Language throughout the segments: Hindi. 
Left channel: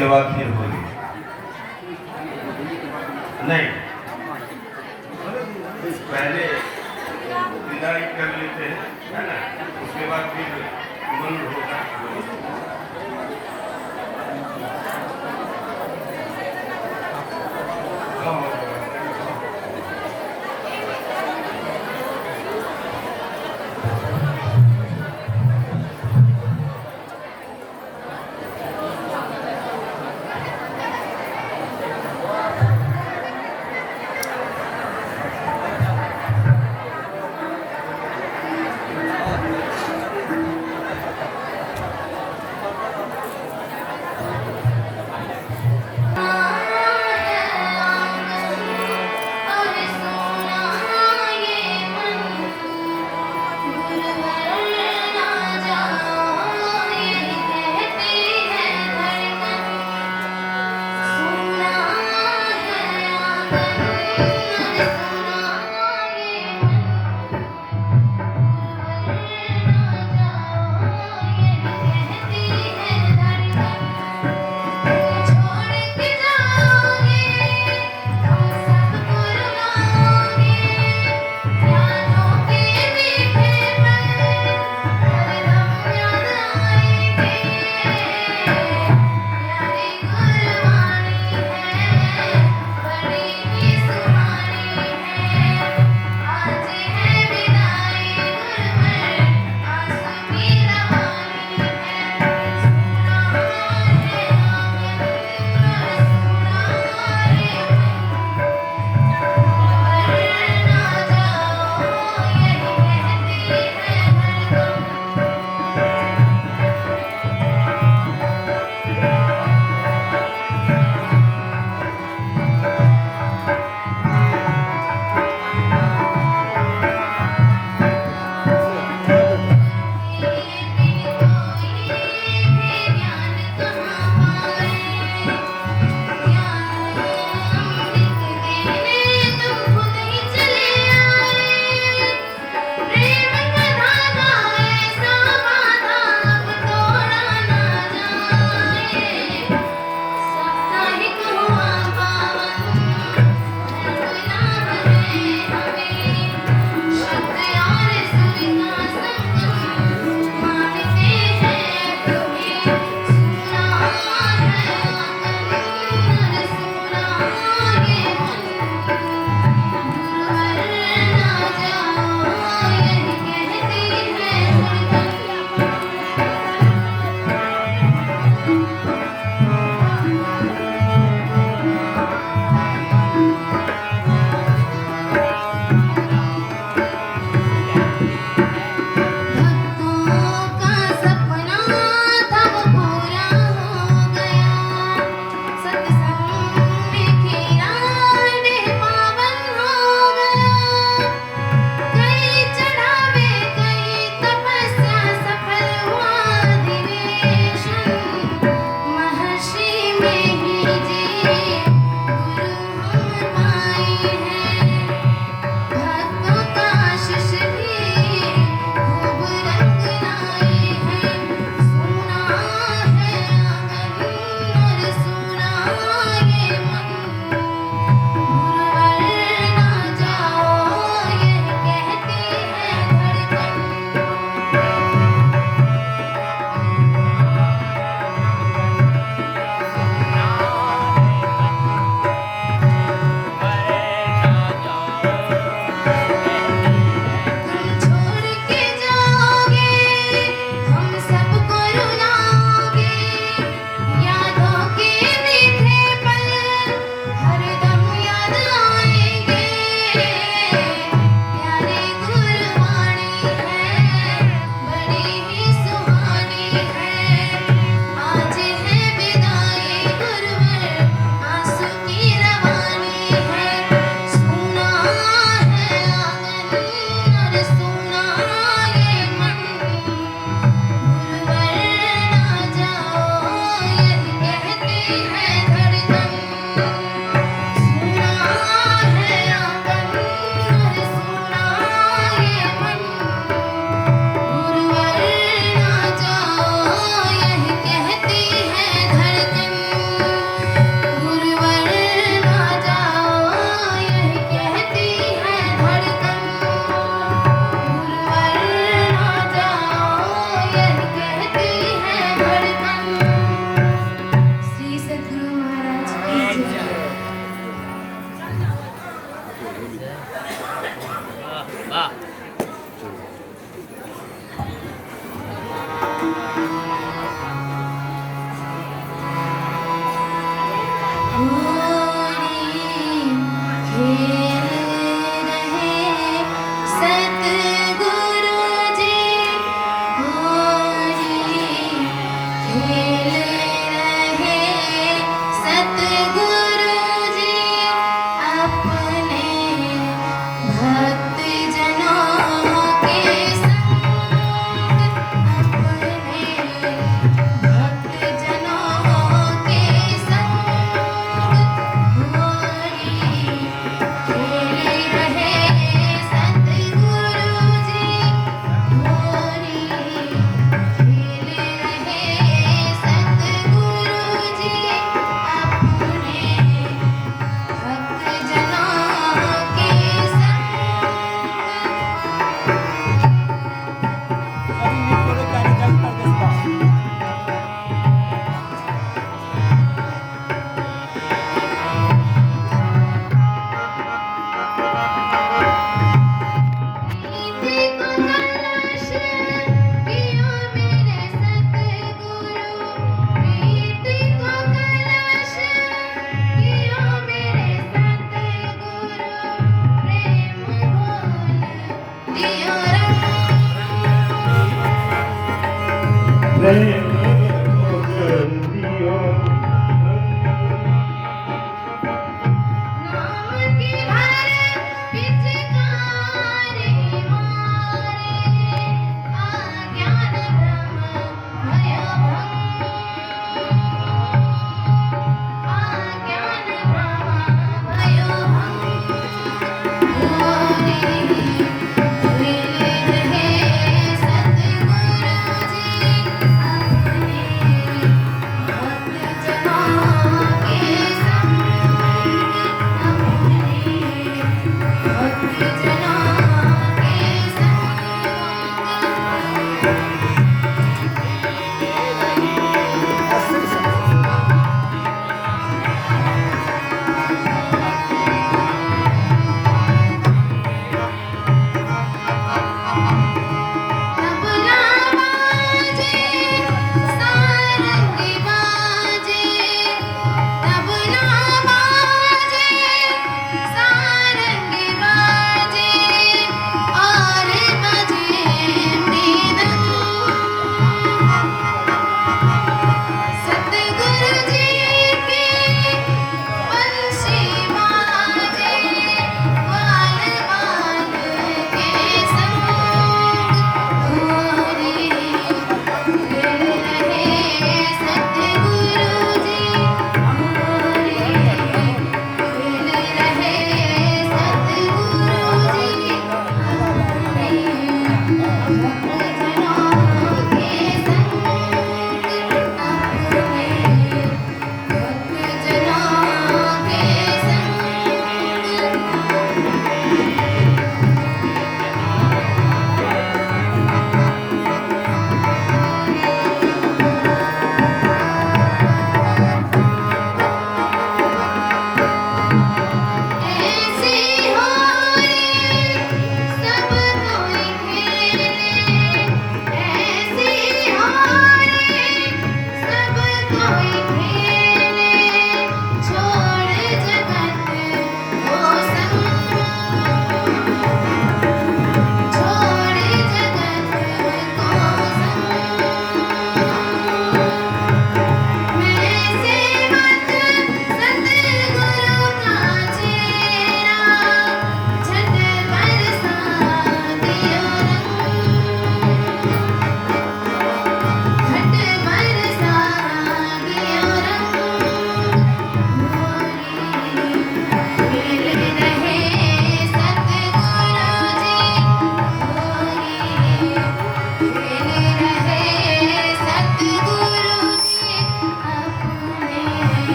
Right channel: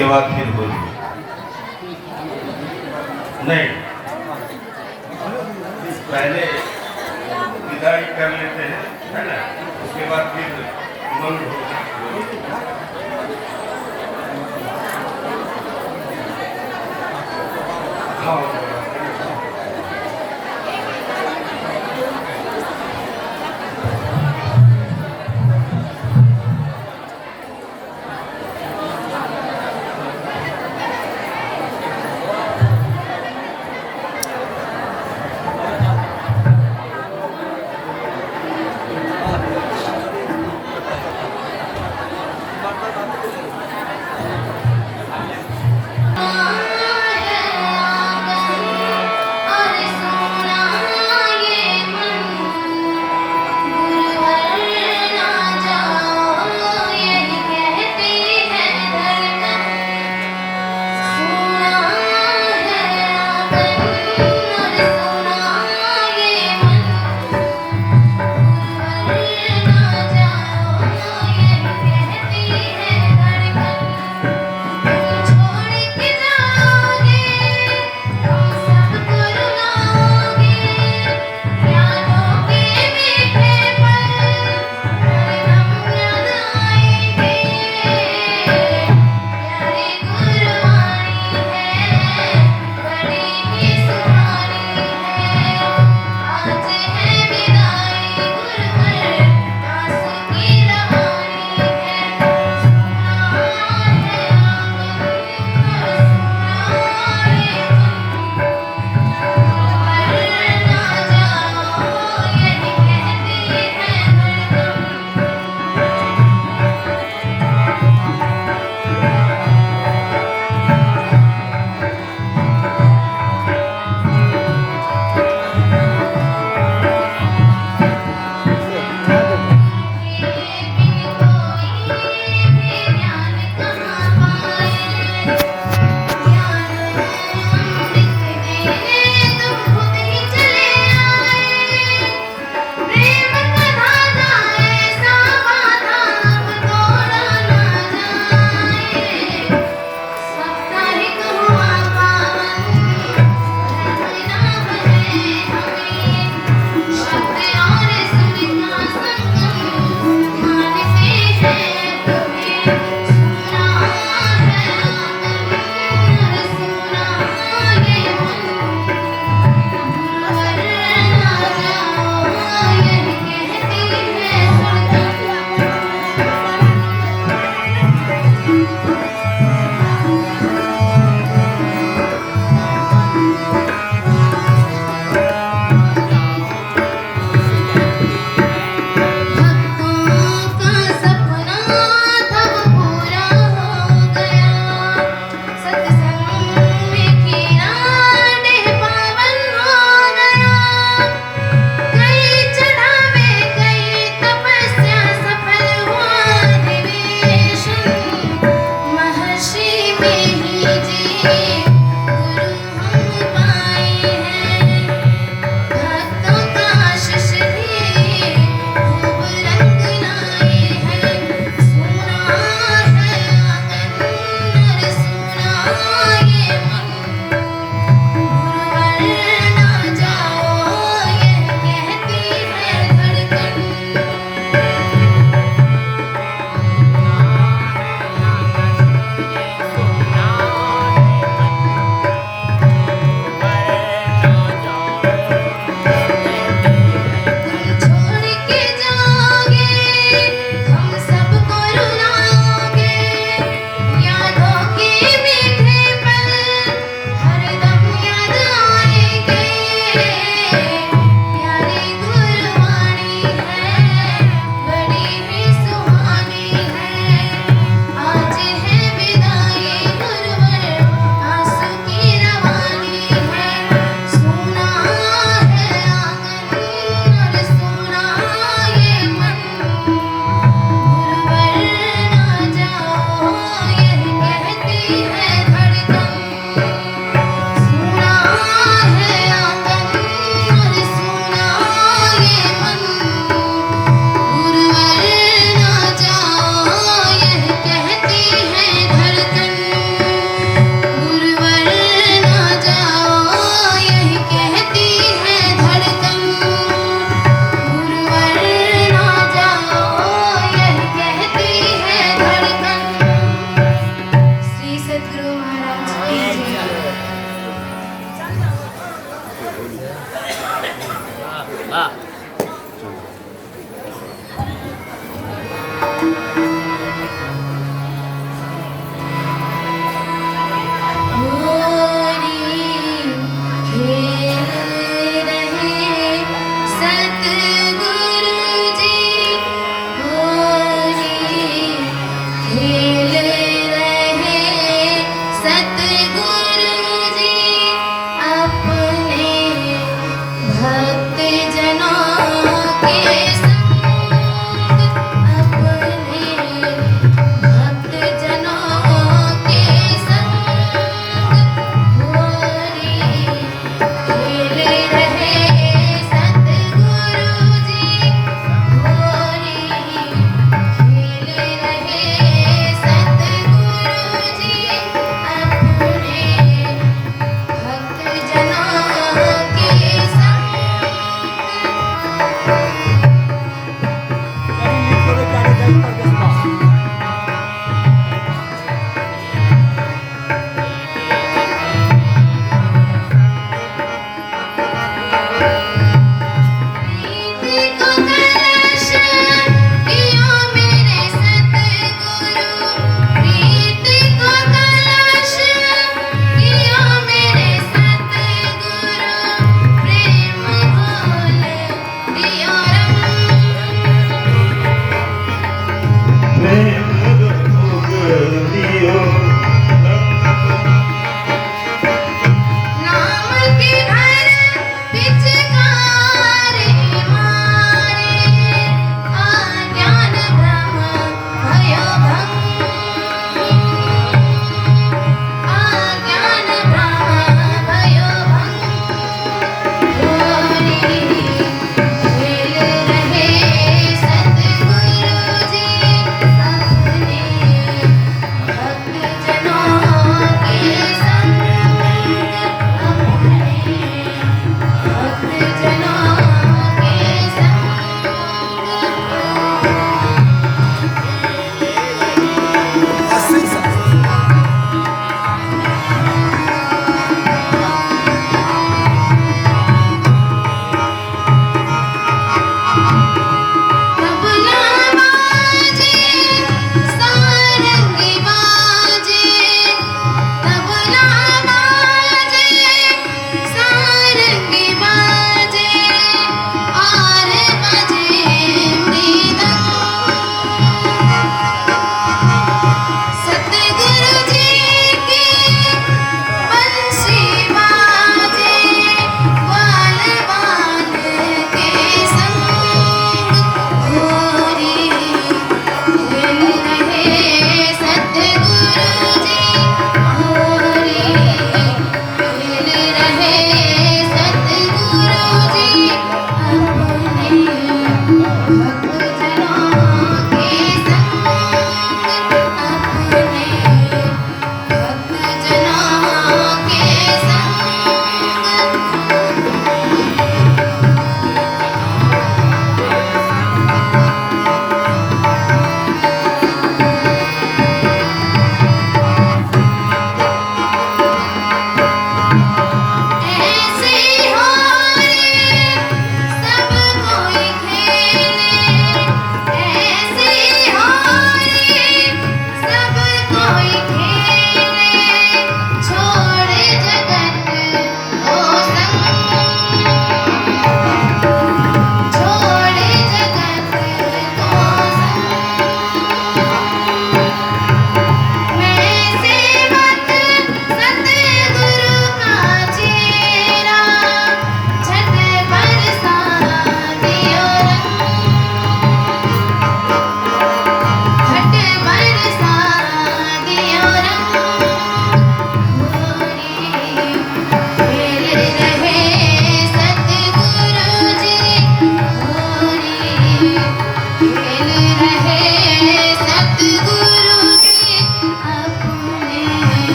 उसके बाद फिर बोलिए। नहीं, पहले विदाई कर लेते हैं, है ना, उसके बाद फिर मन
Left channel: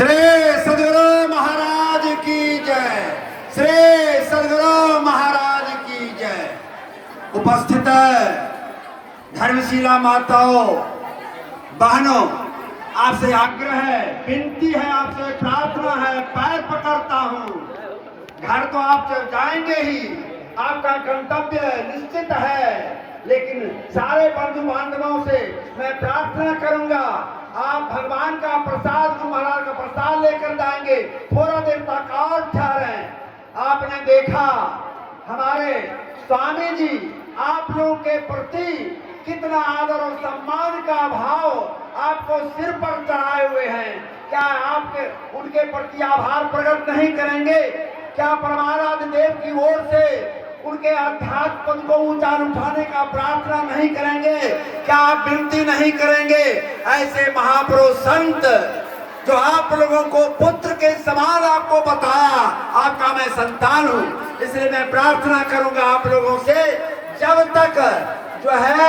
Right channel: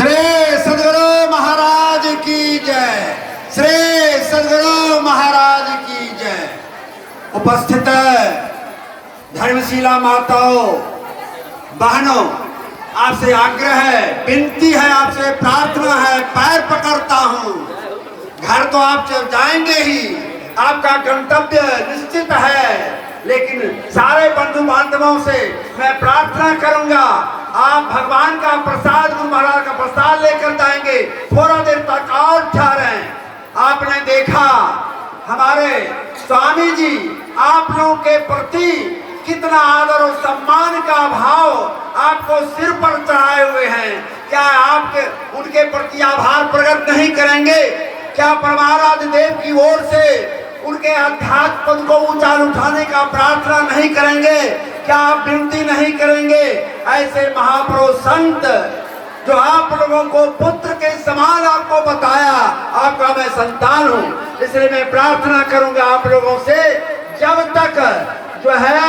श्री सदगुरु महाराज की जय। श्री सदगुरु महाराज की जय। उपस्थित धर्मशिला माताओं, बहनों, आपसे आग्रह है, विनती है, आपसे प्रार्थना है, पैर पकड़ता हूँ। घर तो आप जब जाएंगे ही, आपका गंतव्य निश्चित है, लेकिन सारे बंधु बांधवों से मैं प्रार्थना करूंगा, आप भगवान का प्रसाद, गुरु महाराज का प्रसाद लेकर जाएंगे। थोड़ा देर तक और ठहरें। आपने देखा हमारे स्वामी जी आप लोगों के प्रति कितना आदर और सम्मान का भाव आपको सिर पर चढ़ाए हुए हैं। क्या आपके उनके प्रति आभार प्रकट नहीं करेंगे? क्या परमाराध्य देव की ओर से उनके अध्यात्म पद को ऊंचा उठाने का प्रार्थना नहीं करेंगे? क्या आप विनती नहीं करेंगे? ऐसे महापुरुष संत जो आप लोगों को पुत्र के समान आपको बताया, आपका मैं संतान हूं, इसलिए मैं प्रार्थना करूंगा आप लोगों से, जब तक जो है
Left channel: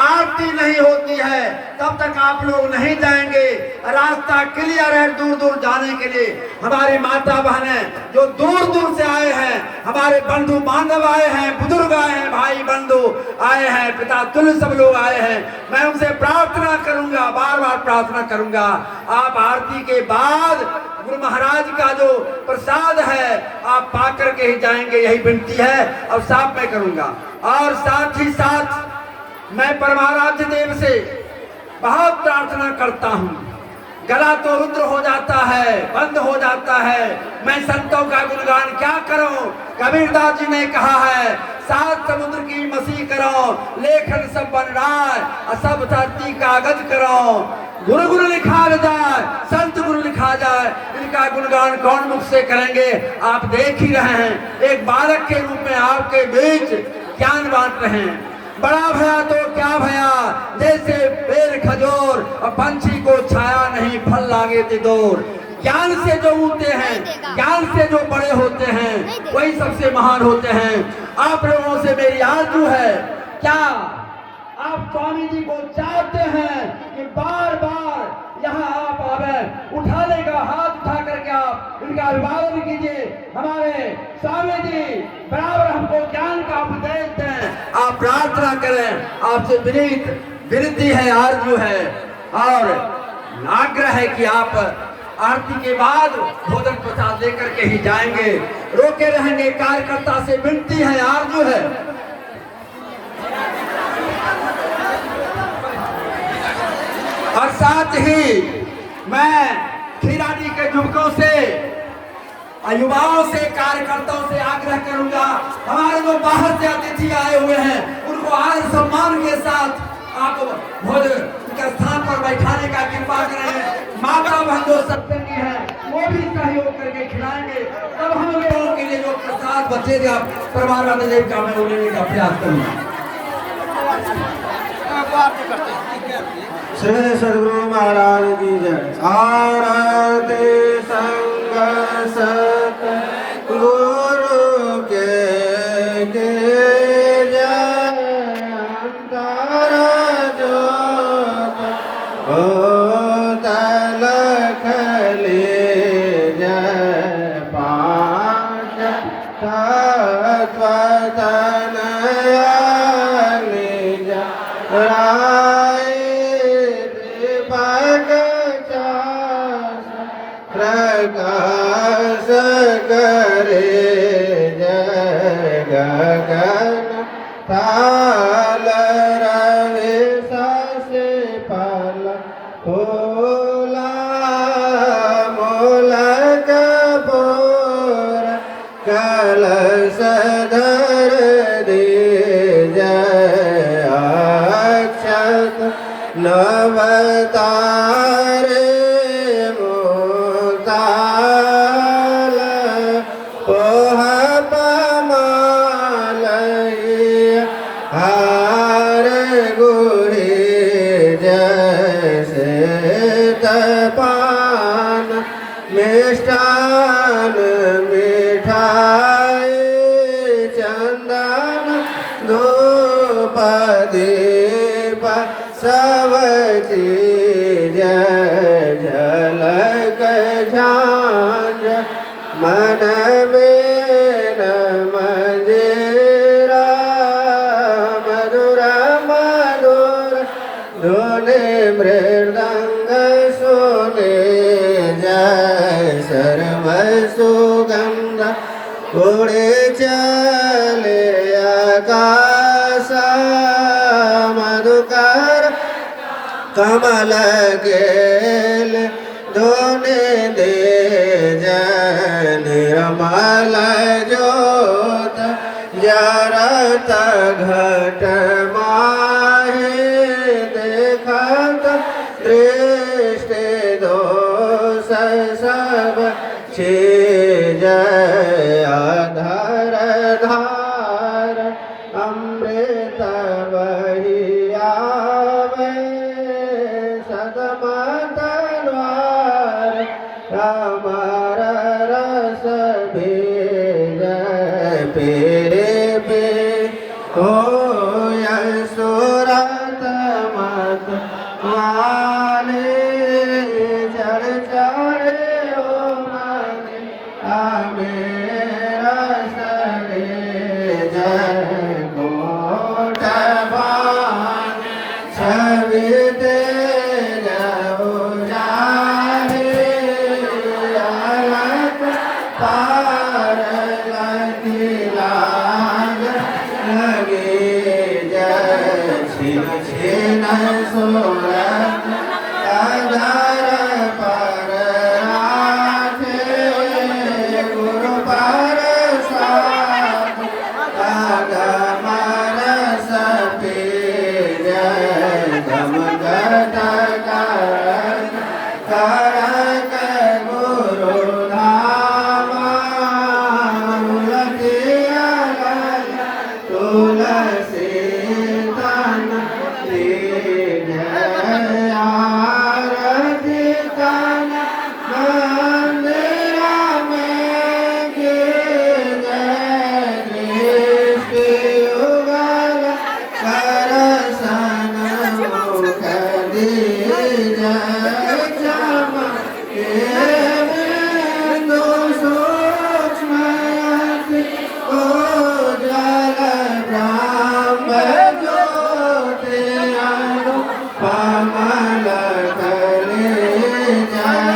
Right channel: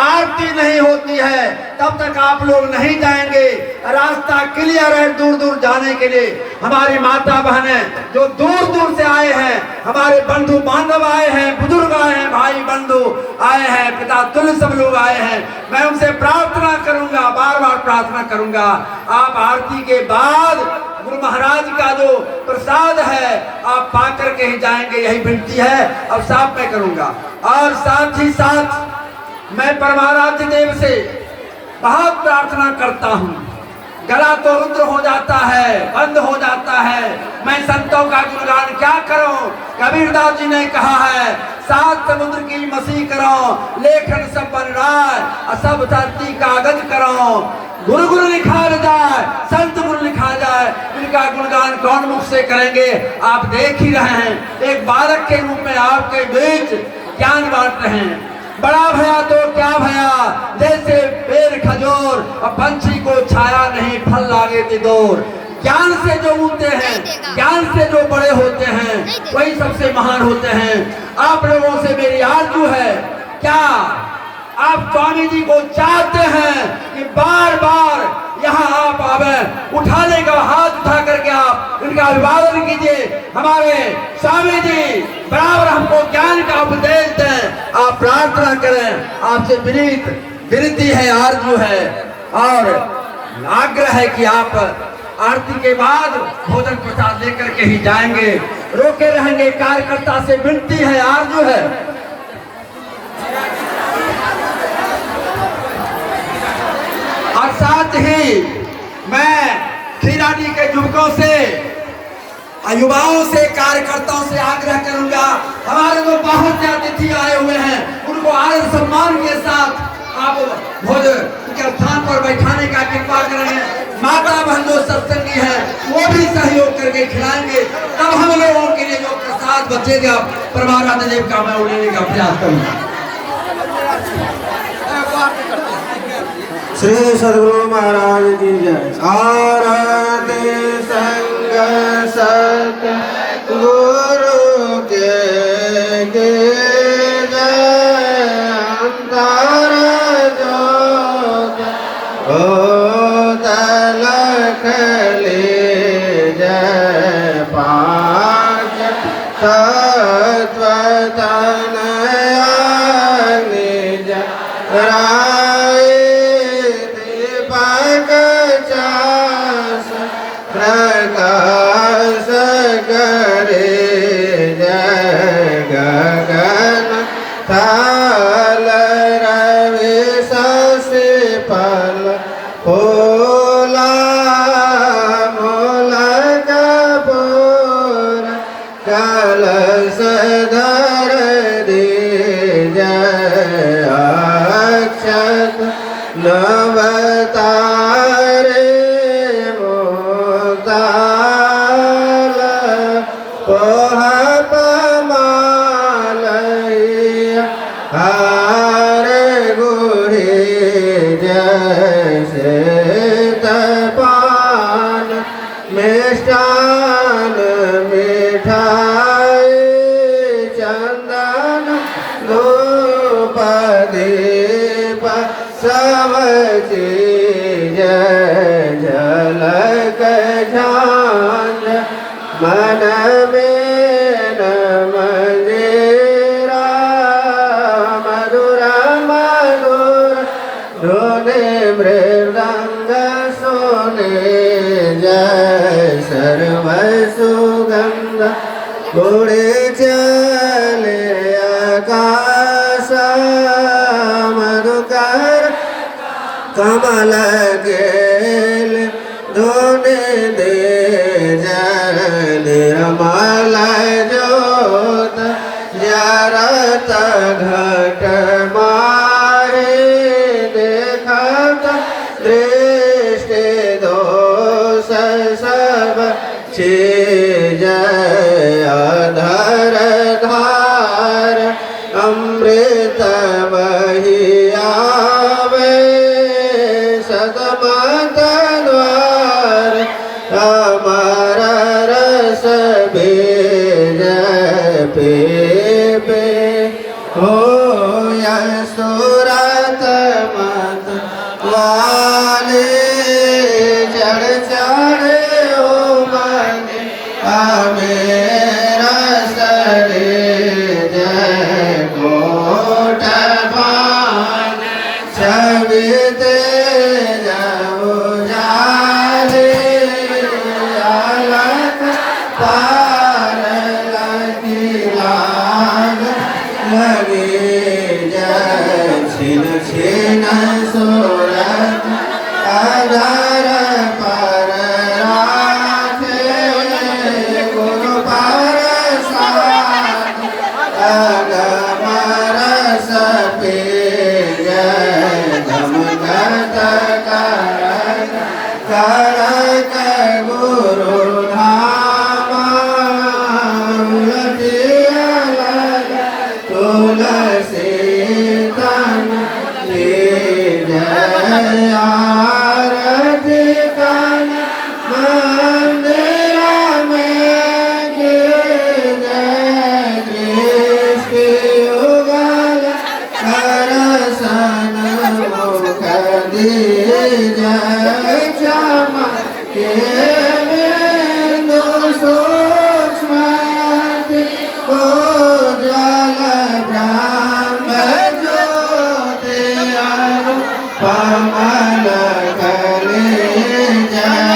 आरती नहीं होती है तब तक आप लोग नहीं जाएंगे। रास्ता क्लियर है दूर दूर जाने के लिए। हमारी माता बहनें जो दूर दूर से आए हैं, हमारे बंधु बांधव आए हैं, बुजुर्ग आए हैं, भाई बंधु आए हैं, पिता तुल्य सब लोग आए हैं, मैं उनसे प्रार्थना करूंगा, बार बार प्रार्थना करूंगा, आप आरती के बाद गुरु महाराज का जो प्रसाद है आप पा करके ही जाएंगे, यही विनती है। अब साफ मैं करूंगा। और साथ ही साथ मैं परमाराध्य देव से बहुत प्रार्थना करता हूँ। गला तो रुद्र हो जाता है, बंद हो जाता है, मैं संतों का गुणगान क्या करूं? कबीरदास जी ने कहा है, सात समुद्र की मसी करो, लेखन सब बन रहा, सब धरती कागज करो, गुरु गुरु लिखा जाए, संत गुरु लिखा जाए, इनका गुणगान कौन मुख से करेंगे? आप देख ही रहे हैं, एक बालक के रूप में आपके बीच ज्ञान बांट रहे हैं। बड़ा भया तो क्या भया, जैसे पेड़ खजूर और पंछी को छाया नहीं, फल लागे तिदोर। ज्ञान से जो ऊंचे हैं, ज्ञान से जो बड़े होते हैं, वही सबसे महान होते हैं। आप लोगों से मेरी आरज़ू है, क्या आप स्वामी जी को चाहते हैं कि बार बार यहाँ आप आवे, उठाने का हाथ उठा करके आप उनका अभिवादन कीजिए। हमारे स्वामी जी बराबर हमको ज्ञान का उपदेश दें, आप प्रार्थना करें। आपसे विनती है, आरज़ू है और आग्रह है कि आप आरती के बाद भोजन प्रसाद लेकर के ही जाएंगे, रोके रहेंगे। कार्यकर्ता से विनती है, आरज़ू है। और साथ ही मैं खीरानी के युवकों से, युवाओं से, कार्यकर्ताओं से आग्रह करूंगा, हमारे जो बाहर से अतिथि आए हुए हैं उनको आदर सम्मान के साथ आप भोजन के स्थान पर बैठाने का कृपा करें। माता बहन जो सत्संगी है वो भी सहयोग करके खिलाएंगे, तब हम लोगों के लिए जो प्रसाद बचेगा परमाराध्य देव का मैं उड़ने का प्रयास करूंगा। श्री सद्गुरु महाराज की जय। आरती संग सत गुरु के जय, अंतर जोत तलख ले जय, पांच तत्व तनया निज राय, प्रकाश करे जय, गगन थाल रवि शशि फल फूला, मूलक पूर कलश धर दे जय, अक्षत नवतारे हार गुहे जैसे पान मिष्टान मिठाई, चंदन धूप दीप सब चीज झलक झांझ, मन में मृदंग सो गेल धोने दे निर्मल ज्योत जारत घट माहे देखत दृष्टि दोष सब चीज अधर धार अमृत वही आवे सदमत द्वार अमर रस बीज पे हो सुरत मत वाले चढ़ चढ़ ओ मन मेरा सरे जय कोट पान छविते जाओ जाले अलग पार लगी लाग लगे जय छिन छिन सोरत आधार पर राखे गुरु पर साथ अगम रस पे जय गमगत करक करक गुरु धामा लटिया लग तुलसी तन जय आरती कन मंदिर में जय दृष्टि युगल करसन मुख दीजय चमक के बिंदु सूक्ष्म उज्ज्वल ब्रह्म ज्योति अनुपमल कले जय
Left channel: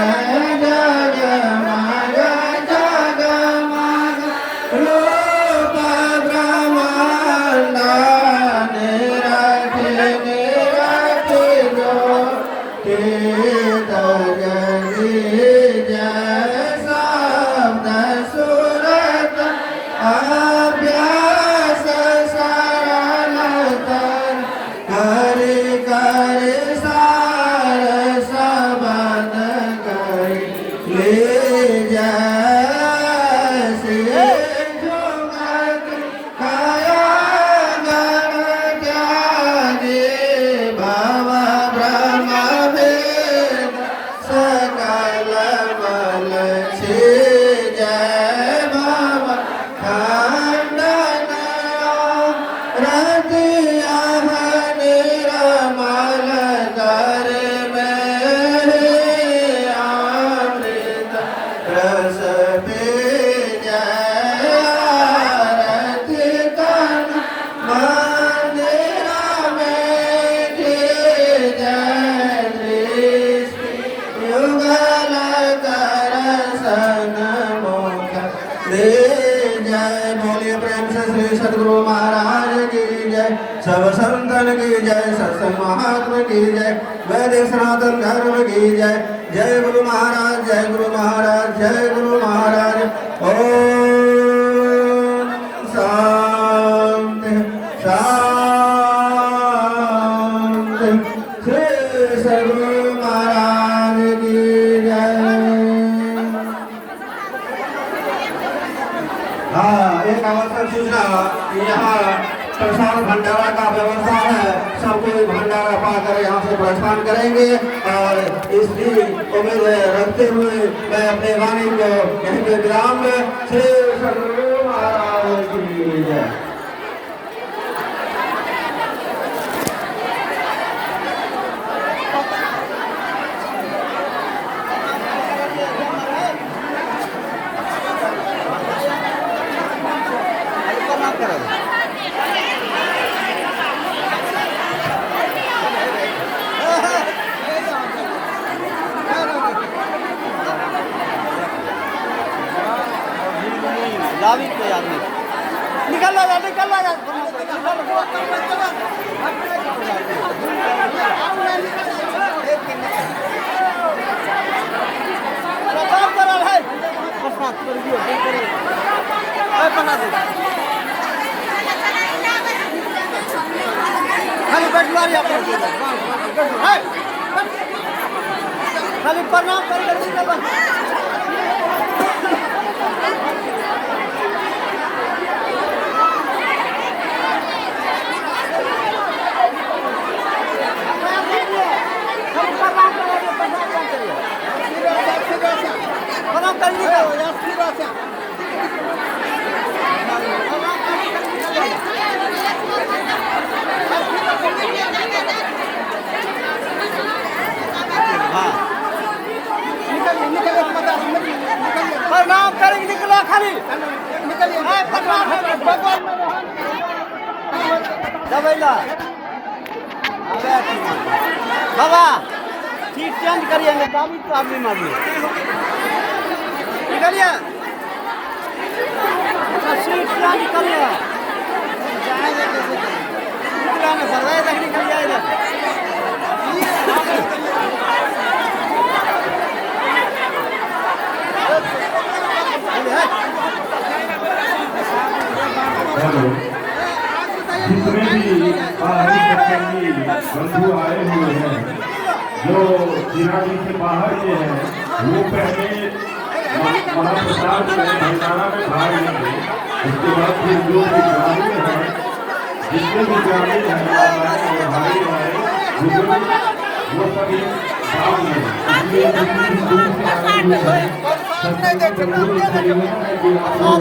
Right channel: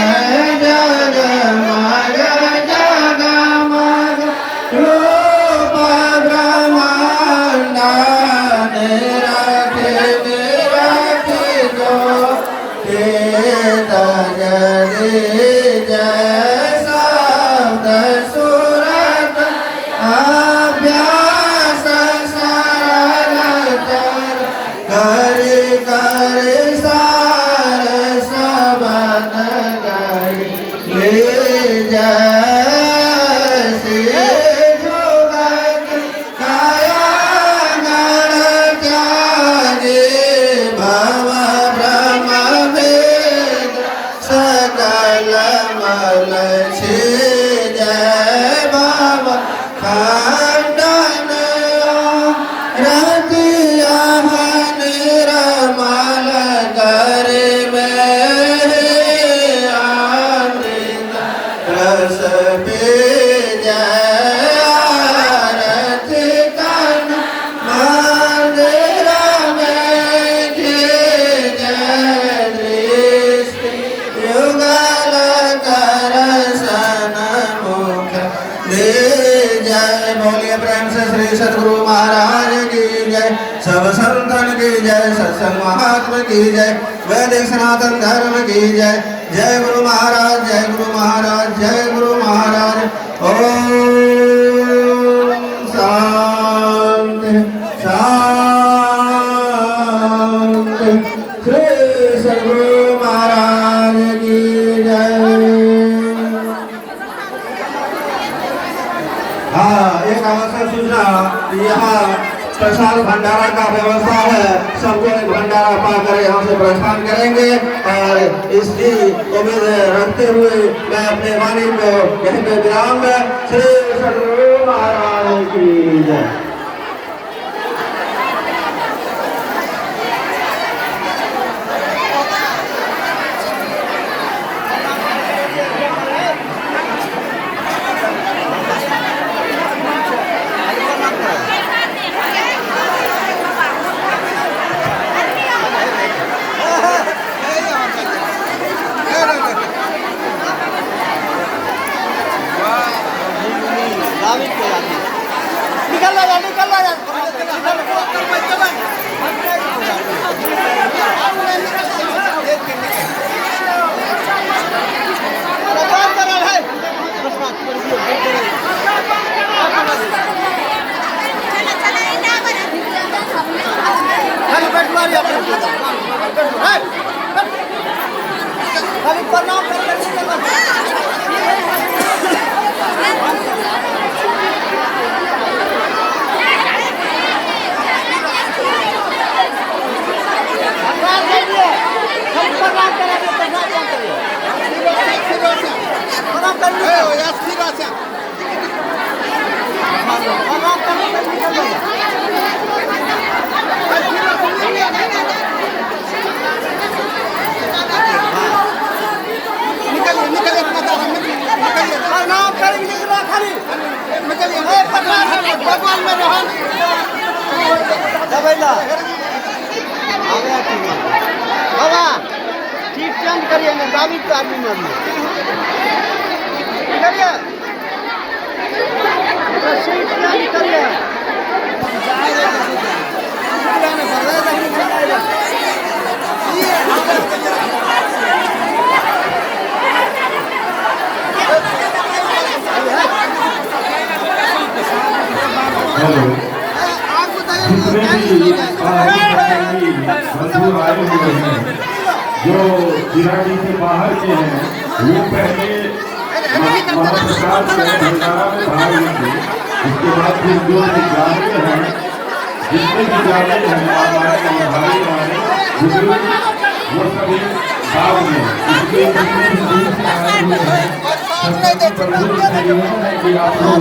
जगमग जगमग रूप ब्रह्मांड निरखि निरखि ज्योति तजरि जय शब्द सुरत अभ्यास सरलतर करि करि सार सबन गई ले जय से जुगत काया गण त्यागे भव ब्रह्म वेद सकल मल छे जय भव खंडन रतिया निर्मल कर में अमृत रस पे जय आरती कन मंदिर में जय दृष्टि युगल करसन मुख दे जय। बोलिए प्रेम से श्री सद्गुरु महाराज की जय। सब संतन की जय। सत्संग महात्मा की जय। वैदिक सनातन धर्म की जय। जय गुरु महाराज, जय गुरु महाराज, जय गुरु महाराज। ओम शांति शांति। श्री सद्गुरु महाराज की जय। हाँ, एक अवसर सूचना यहाँ प्रसाद भंडारा का व्यवस्था है। सबको भंडारा पाकर यहाँ से प्रस्थान करेंगे और इसकी उम्मीद रखते हुए मैं अपने वाणी को यहीं पे विराम में श्री सद्गुरु महाराज की जय। निकल भगवान में रहन दबैला दादा सीट चेंज करिए ना दाबी तो आदमी मारिए करिए सीट चेंज करिए जितने भी बाहरी बंधु आए हुए हैं जो जिरानी से बाहर के हैं वो पहले महाप्रसाद से भंडारा में भाग लेंगे। उसके बाद फिर जो भी ग्रामीण हैं जितने भी ग्रामीण हैं हमारे और भाई हमारे बुजुर्ग वो सभी भाग लें। इसलिए जितने भी दूर से आए हुए हैं सबसे बंधु इसलिए है कि आप लोग